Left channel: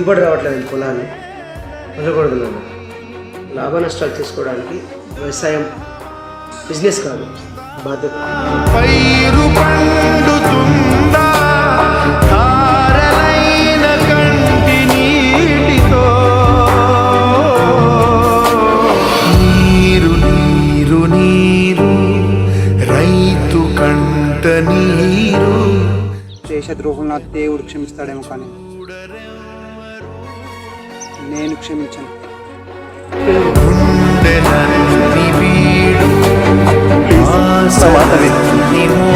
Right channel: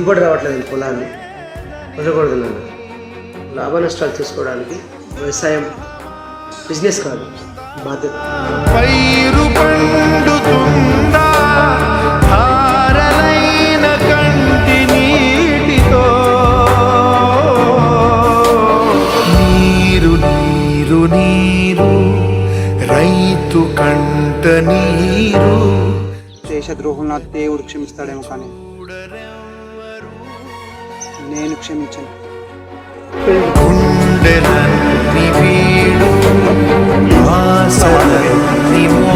దిగుబడి రావట్లేదు పొలాన్ని వదలకూడదు నాన్న. లాభ నష్టాలు తీసుకోవడానికి వ్యవసాయం బిజినెస్ కాదు, బాధ్యత. పైరు పండుతుందా ధారలైన కంటి నీటితో, నీరు నీరు నీరు రైతు కంట నీరు. దేశద్రోహులు నా దేవుడు క్షమిస్తాడేమో, కానీ నేను క్షమించను. గుండెలన్నీ వీడు ఆశలన్నీ మో